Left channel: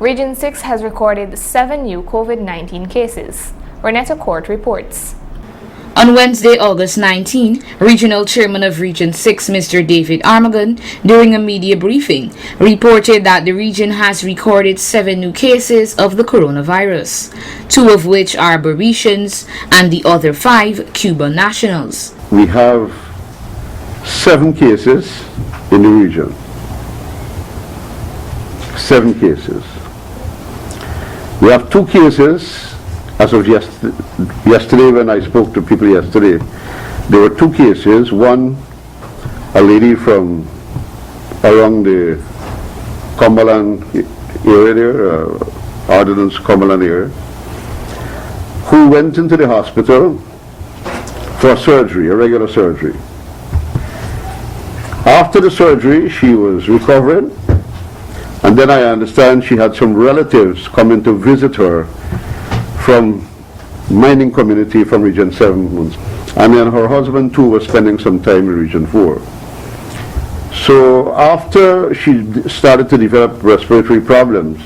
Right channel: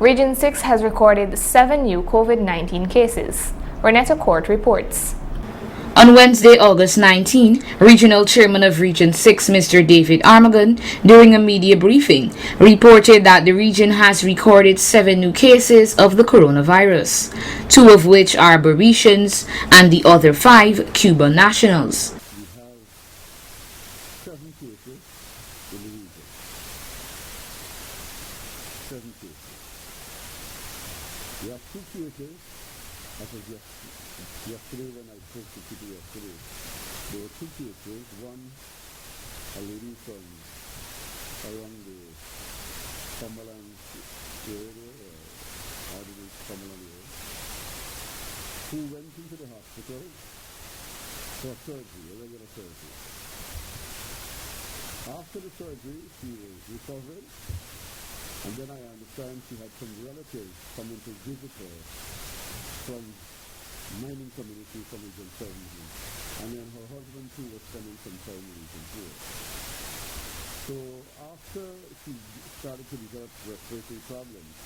Region 6 has recorded 7 new COVID-19 cases. Renetta Court reports. On Wednesday, August 19, Regional Chairman of Region 6, Mr. David Armagon, during a media briefing, reported that the region has recorded 7 new cases of the coronavirus, 2 of which are Barbadians and the other 5 Cuban nationals. We have 7 cases in the region. 7 cases. We have 2 cases. As of yesterday, when I spoke to people yesterday, there were 2 cases. One, a lady from around the Cumberland area there, Ordnance Cumberland area, who went into the hospital for surgery, a regular surgery. After the surgery, she was recovering, and then I understand she had some relatives coming to visit her from mining community from Region 7. And then her husband too was spending some time in Region 4. So after she started to develop respiratory problems,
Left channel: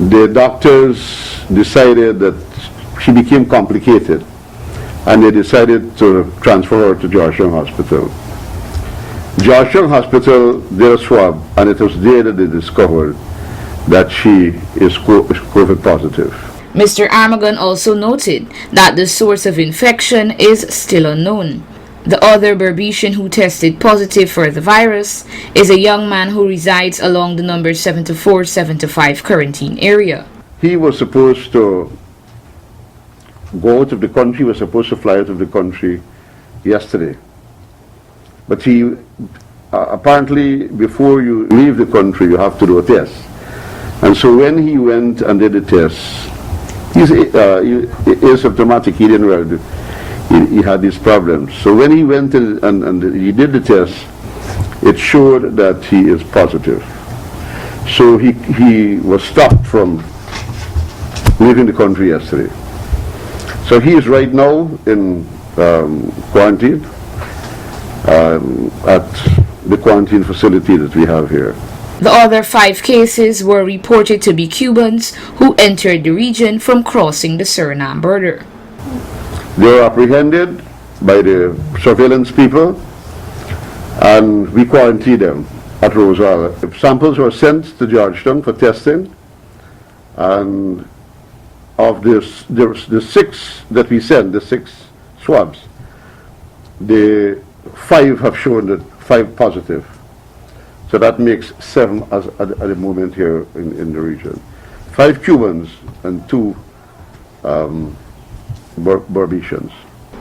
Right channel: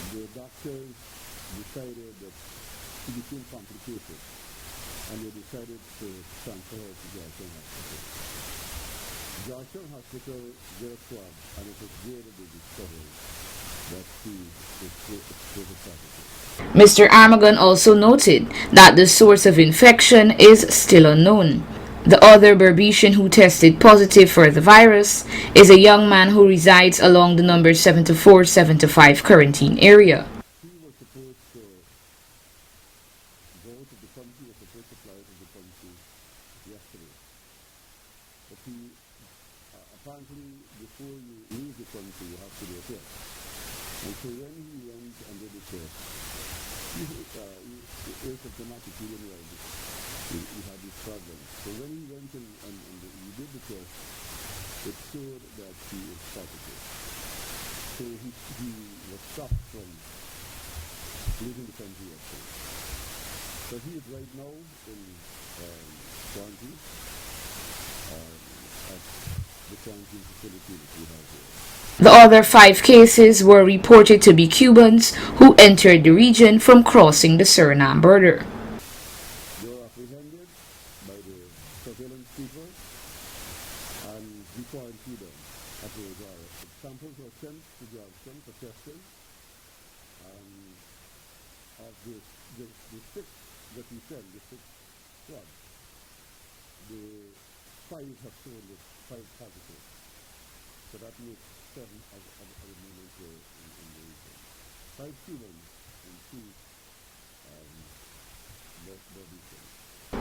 the doctors decided that she became complicated, and they decided to transfer her to Georgetown Hospital. Georgetown Hospital did a swab, and it was there that they discovered that she is COVID positive. Mr. Armagon also noted that the source of infection is still unknown. The other Barbadian who tested positive for the virus is a young man who resides along the number 74-75 quarantine area. He was supposed to go out of the country, was supposed to fly out of the country yesterday. But he, apparently before you leave the country you have to do a test. And so when he went and did the test, he's asymptomatic, he didn't really he had these problems. So when he went and he did the test, it showed that he is positive. So he was stopped from leaving the country yesterday. So he is right now in quarantine at the quarantine facility that we have here. The other 5 cases were reported to be Cubans who entered the region from crossing the Suriname border. They were apprehended by the surveillance people, and we quarantined them at Rosal. Samples were sent to Georgetown for testing, and of this, the 6 that we sent, the 6 swabs, the 5 have shown that 5 positive. So that makes 7 at the moment here in the region. 5 Cubans and 2 Barbadians.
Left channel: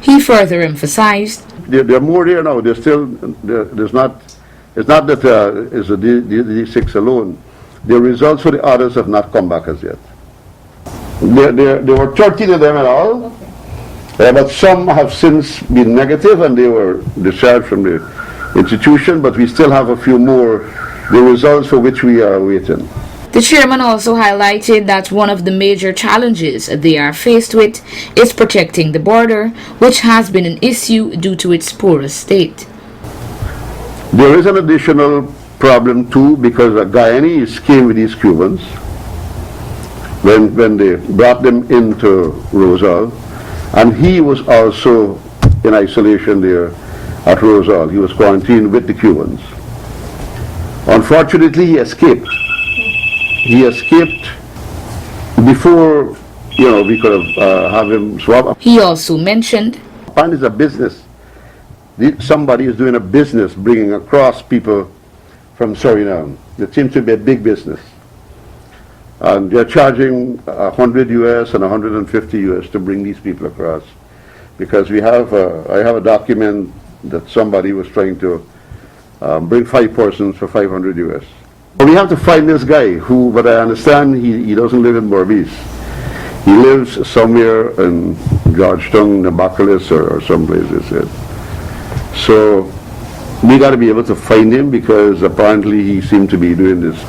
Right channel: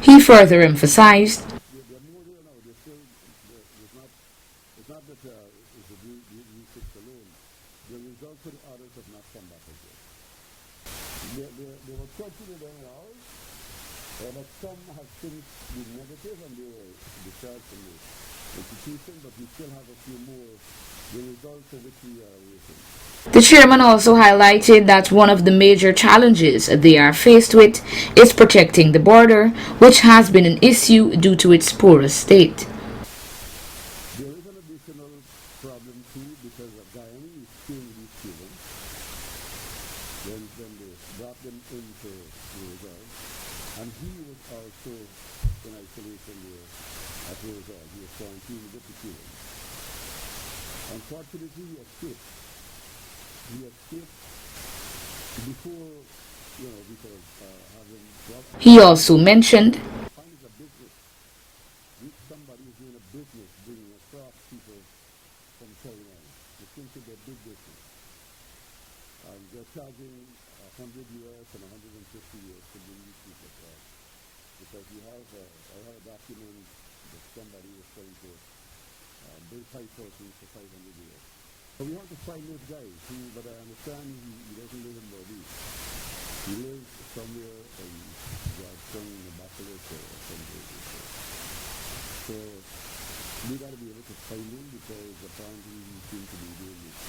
He further emphasized, there are more there now. There's still, there's not, it's not that it's the 6 alone. The results for the others have not come back as yet. There were 13 of them in all, but some have since been negative and they were discharged from the institution, but we still have a few more, the results for which we are waiting. The chairman also highlighted that one of the major challenges they are faced with is protecting the border, which has been an issue due to its porous state. There is an additional problem too, because the Guyanese came with these Cubans when they brought them into Rosal, and he was also in isolation there at Rosal. He was quarantined with the Cubans. Unfortunately, he escaped. He escaped before, we could have him swab. He also mentioned, Pan is a business. Somebody is doing a business bringing across people from Suriname. It seems to be a big business. And they're charging $100 US and $150 US to bring these people across. Because I have a document that somebody was trying to bring 5 persons for $500 US. But we have to find this guy who, but I understand he doesn't live in Berbice. He lives somewhere in Georgetown, Nabakalis, or someplace, they said. So we got to be able to find him, because apparently he seemed to be doing this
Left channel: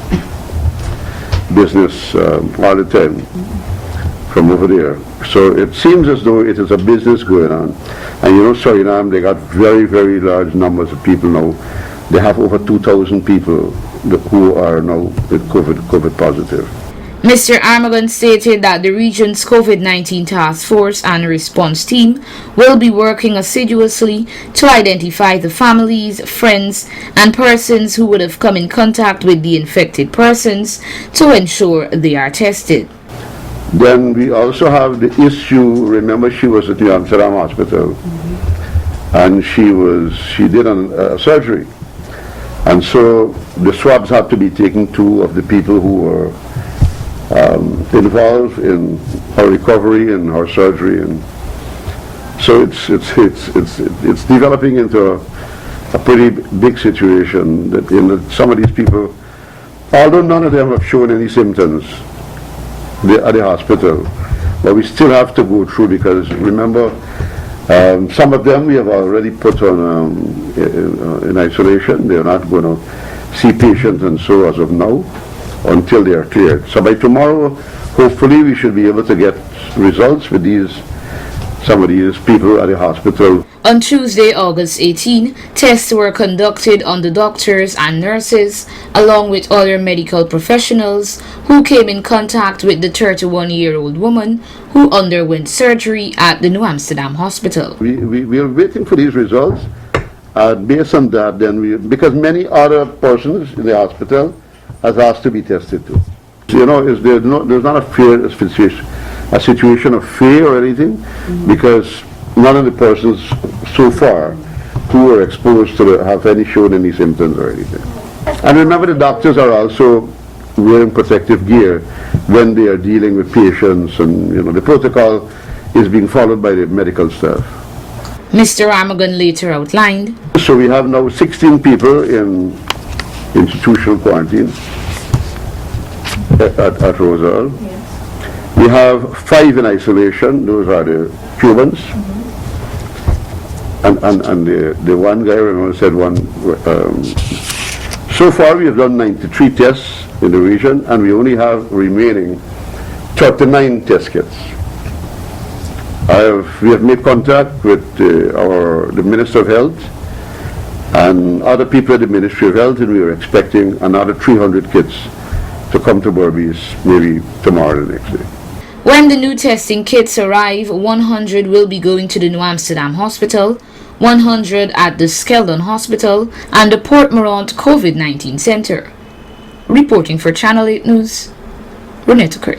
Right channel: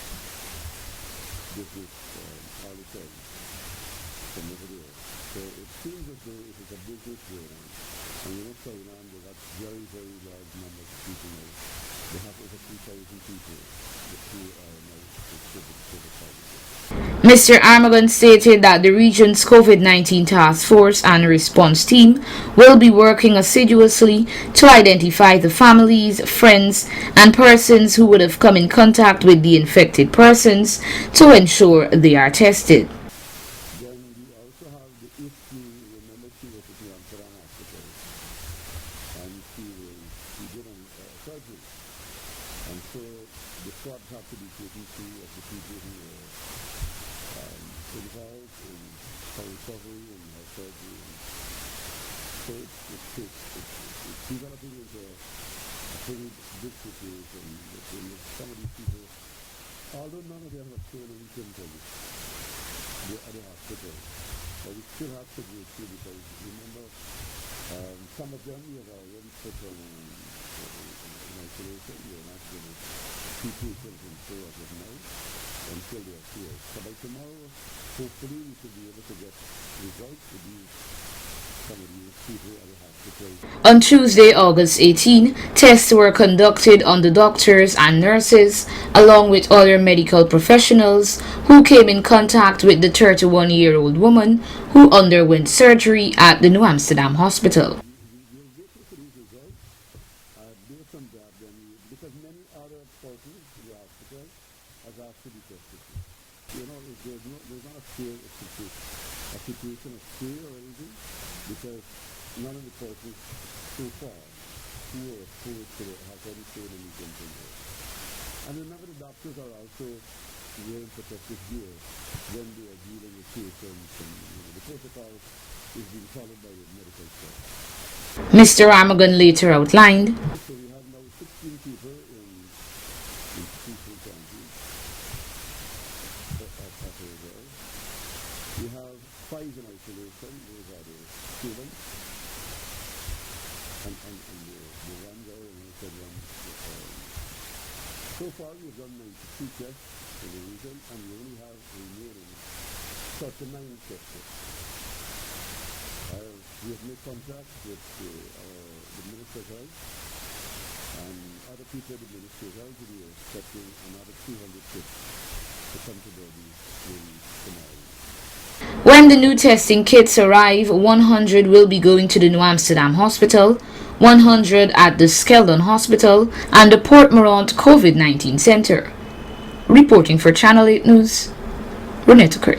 business all the time from over there. So it seems as though it is a business going on. And Suriname, they got very, very large numbers of people now. They have over 2,000 people who are now with COVID positive. Mr. Armagon stated that the region's COVID-19 task force and response team will be working assiduously to identify the families, friends, and persons who would have come in contact with the infected persons to ensure they are tested. Then we also have the issue, remember she was at the Amsterdam Hospital, and she did a surgery. And so the swabs had to be taken to of the people who were involved in her recovery and her surgery, and so it's developing into a pretty big situation that some of these people, although none of them have shown any symptoms at the hospital, but we still have to go through, because remember, some of them we have already put on in isolation. They're not going to see patients and so as of now, until they are cleared. So by tomorrow, hopefully, we should be able to get results with some of these people at the hospital. On Tuesday, August 18, tests were conducted on the doctors and nurses, along with other medical professionals who came in contact with the 31-year-old woman who underwent surgery at the New Amsterdam Hospital. We are waiting for these results. Based on that, then because many other persons in the hospital has asked to be tested too. You know, there's not a situation of fear or anything, because none of the persons so far who were exposed to have shown any symptoms or anything. And remember, the doctors are also wearing protective gear when they are dealing with patients, and the protocol is being followed by the medical staff. Mr. Armagon later outlined. So we have now 16 people in institutional quarantine at Rosal. We have 5 in isolation. Those are the Cubans. And the one guy, remember, said one. So far we have done 93 tests in the region, and we only have remaining 39 test kits. We have made contact with the Minister of Health and other people at the Ministry of Health, and we are expecting another 300 kits to come to Berbice maybe tomorrow or the next day. When the new testing kits arrive, 100 will be going to the New Amsterdam Hospital, 100 at the Skeldon Hospital, and the Port Morant COVID-19 Center. Reporting for Channel 8 News, Renetta Kurt.